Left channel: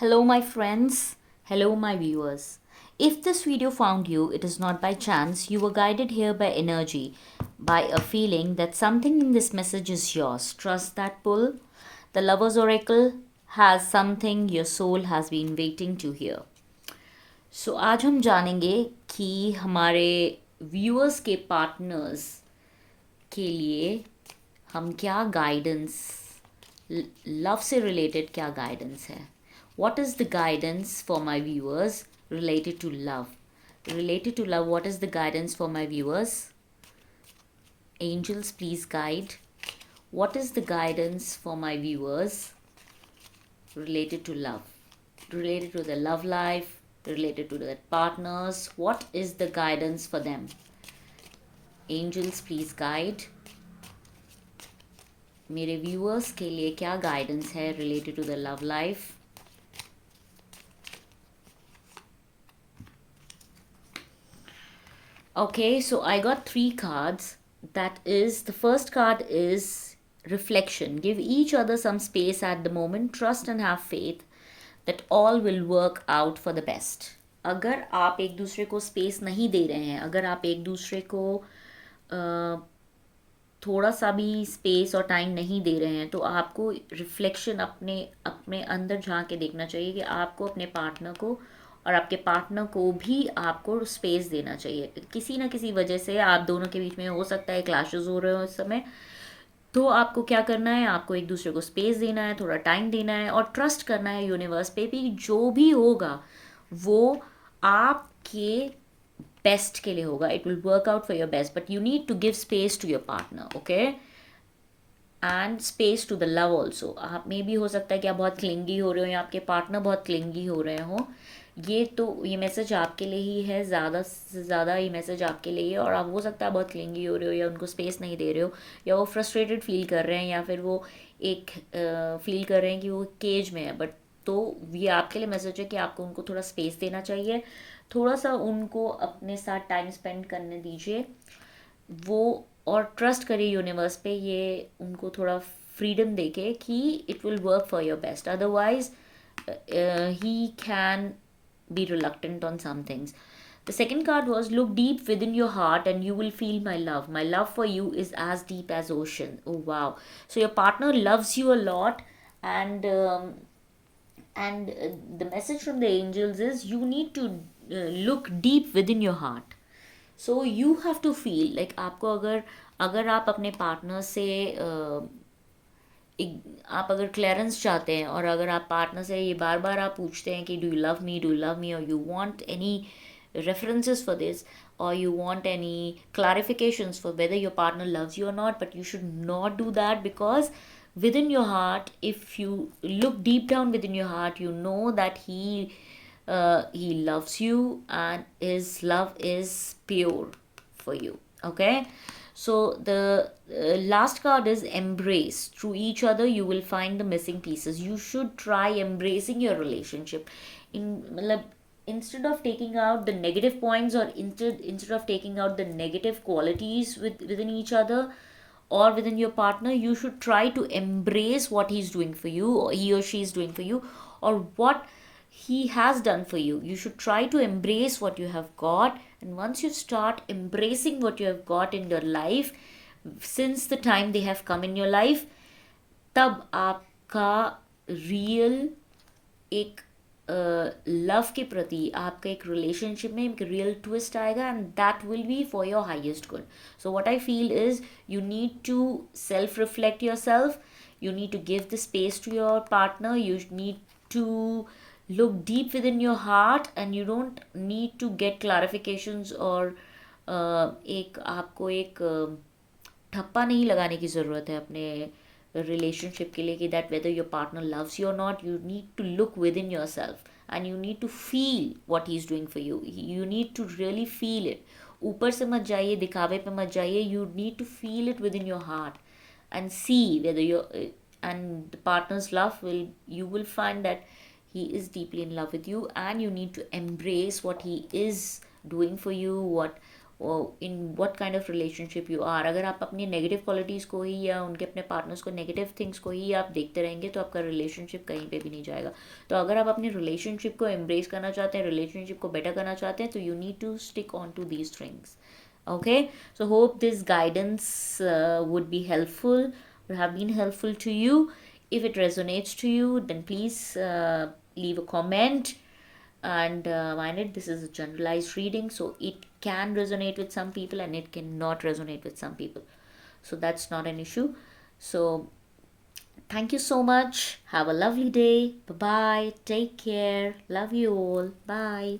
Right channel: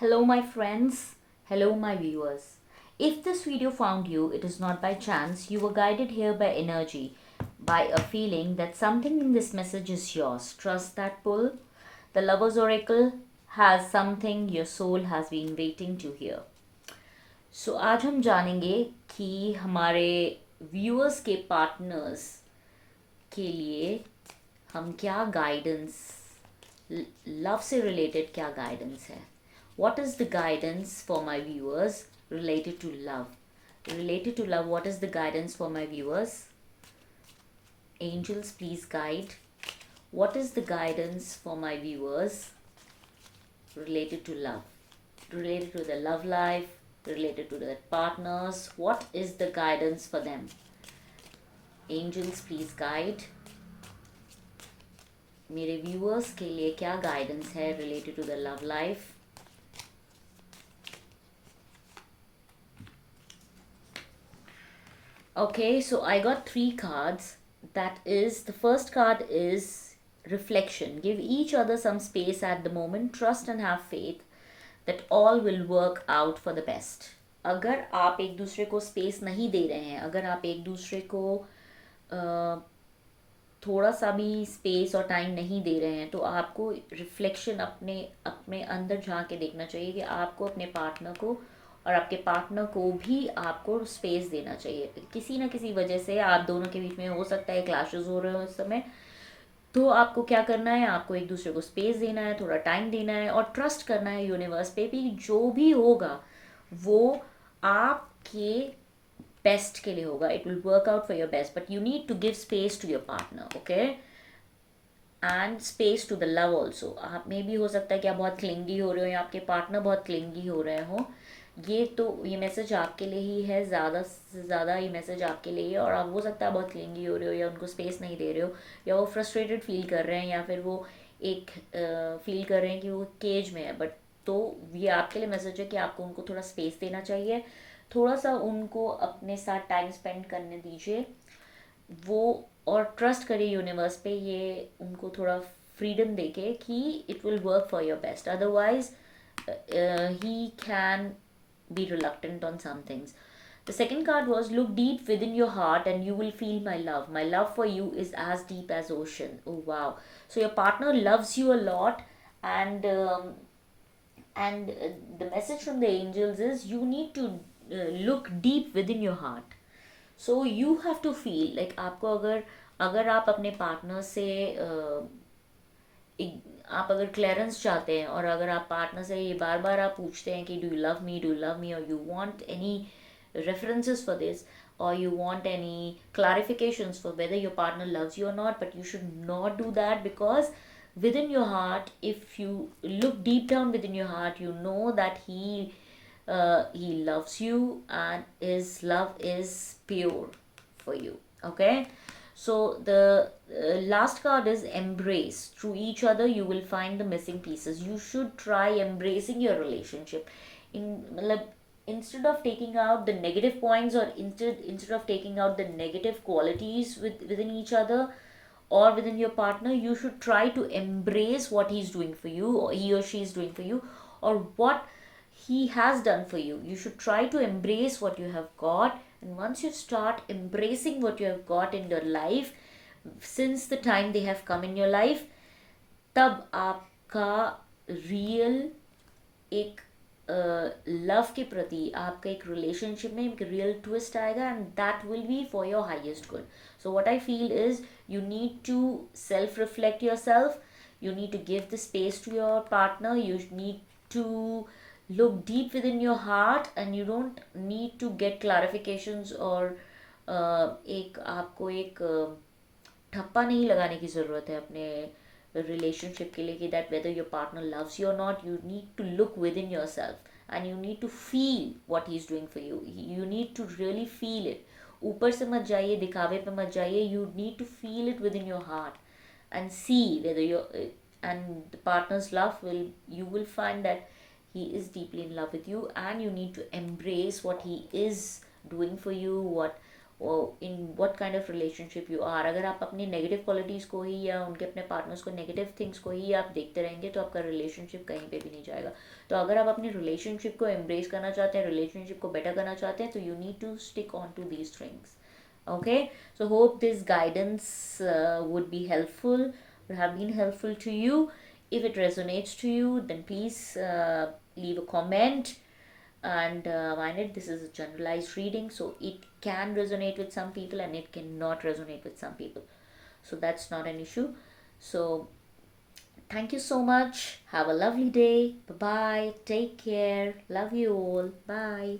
Hello, my friends. Hello, my viewers. If this video found you, it is not by chance. You were guided here by energy, by a feeling that something in this message is yours. Trust that pull. The Lover's Oracle has something your soul has been waiting to hear. So आज हम जानेंगे कि हमारे viewers के partners के लिए हम क्या गाइडेंस लव से रिलेटेड क्या गाइडेंस है. What is the guidance for my viewers related to love? Related to love, what is the guidance for my viewers? Angels, please guide. What is the guidance for my viewers related to love? Related to their love life, related to their partners. What is the guidance for them? Angels, please guide. मेरे viewers के लिए क्या guidance है related to the love life. Okay, so I got three cards. That is, the first card is reflection. Give each other some space at the moment. Trust and have faith that all will work out for the best. अगर आप एक दूसरे को space नहीं दे रहे हैं, अगर आप एक दूसरे को थोड़ा सा भी स्पेस और टाइम नहीं दे रहे हैं, तो आपको रिफ्लेक्शन अपने अपने अंदर झांक के देखना चाहिए कि आपको अपने पार्टनर को और आपके पार्टनर को भी आपको स्पेस देना चाहिए. किसी ना किसी वजह से आप दोनों के बीच में हो सकता है क्लैशेस हो रहे हो इस समय. तो आपको क्या करना है, आपको एक दूसरे को स्पेस देना है, थोड़ा टाइम देना है और ट्रस्ट करना है यूनिवर्स पे भी. जो भी होगा वो आपके बेस्ट के लिए होगा. It will work out for your best, but you need to give space to your partner. Okay, and space to the love also. आप में भी हो सकता है कि आप बहुत क्लिंगी हो रहे हो या आपके पार्टनर बहुत क्लिंगी हो रहे हो. ये मैसेज आपके लिए ही है, ज़्यादा से ज़्यादा ये मैसेज आपके लिए है. और आप हो सकता है बहुत क्लिंगी हो रहे हो या उनको स्पेस नहीं दे रहे हो या वो फ्रस्ट्रेटेड फील कर रहे हैं या फिर वो एक फील कर रहे हैं कि वो केज में है. बट तो ये आपके लिए मैसेज है कि आपको उनको थोड़ा स्पेस देना चाहिए, थोड़ा सा उनको अपने साथ टाइम स्पेंड करने दीजिए वो. और ट्रस्ट करिए यूनिवर्स पे, ये उनको थोड़ा फ्रीडम देके कि it will work for your best. Otherwise he can be reluctant on some things. The second card was look deep within your heart and you will feel my love. My love for you is as deep as ocean. Oh wow. So your partner loves you a lot, and the message from the angels is you need to look deep within your heart. So you have to feel like आपको अगर अगर आप अपने partner से आप अगर clearance चाहते हैं और अगर आप पार्टनर से ये बार बार आप पूछते हैं कि डू यू लव मी और you want any references for this, or you want any clarifications for whether your partner loves you or not, but you should not do that. Because within your heart, if you look deep down within your heart, you know that he loves you and his love is pure for you. Okay, so the last card is embrace. Through each other, you will find the missing pieces. You should try embracing your relationship. Like, instead of taking out the negative points, or instead of taking out the negative qualities within each other or within your partner, you should try to embrace what he's doing for you, or he or she is doing for you, or what he has done for you. You should try to embrace what you have got. And once you start embracing what you have got in your life, since the time they have come in your life, तब आपका real एक love के प्रति आपका एक relationship में एक real twist आएगा, and that will be for your highest good. So what I feel is you need to self reflect yourself. You need to give the space to your partner. You need to look deep within your heart, and you don't need to get clarifications or एक आपको एक ठप्पा नहीं लगाने की ज़रूरत है अपने रिलेशनशिप के लिए कि that whether your partner loves you और not. You need to look within yourself and you need to feel what he is doing for you. You need to really feel it. ऊपर से मत जाइए, दिखावे पे मत जाइए. You need to feel it within your heart and see whether you're and the partner's love will, you will find that he is deeply in love with you, and you need to embrace what he is doing for you, in what kind of relationship you are. अगर आप अपनी negative qualities को ही या उनके अपने partners को negative things को ही आप देखते रहेंगे तो आपका रिलेशनशिप कहीं पे भी नहीं जाएगा. तो अगर आप अपनी रिलेशनशिप को एम्ब्रेस करना चाहते हैं, रिलेशनशिप को बेटर करना चाहते हैं, तो you need to stick on to these things. Okay, so hope this guidance would be helpful, would have been helpful to you. If it resonates to you, then please leave a comment. And mind it, this is a generalized reading, so it can resonate with some people and it cannot resonate with some people, so that's not an issue. So thank you so much, have a lovely day, bye bye, take care, love you all, bye.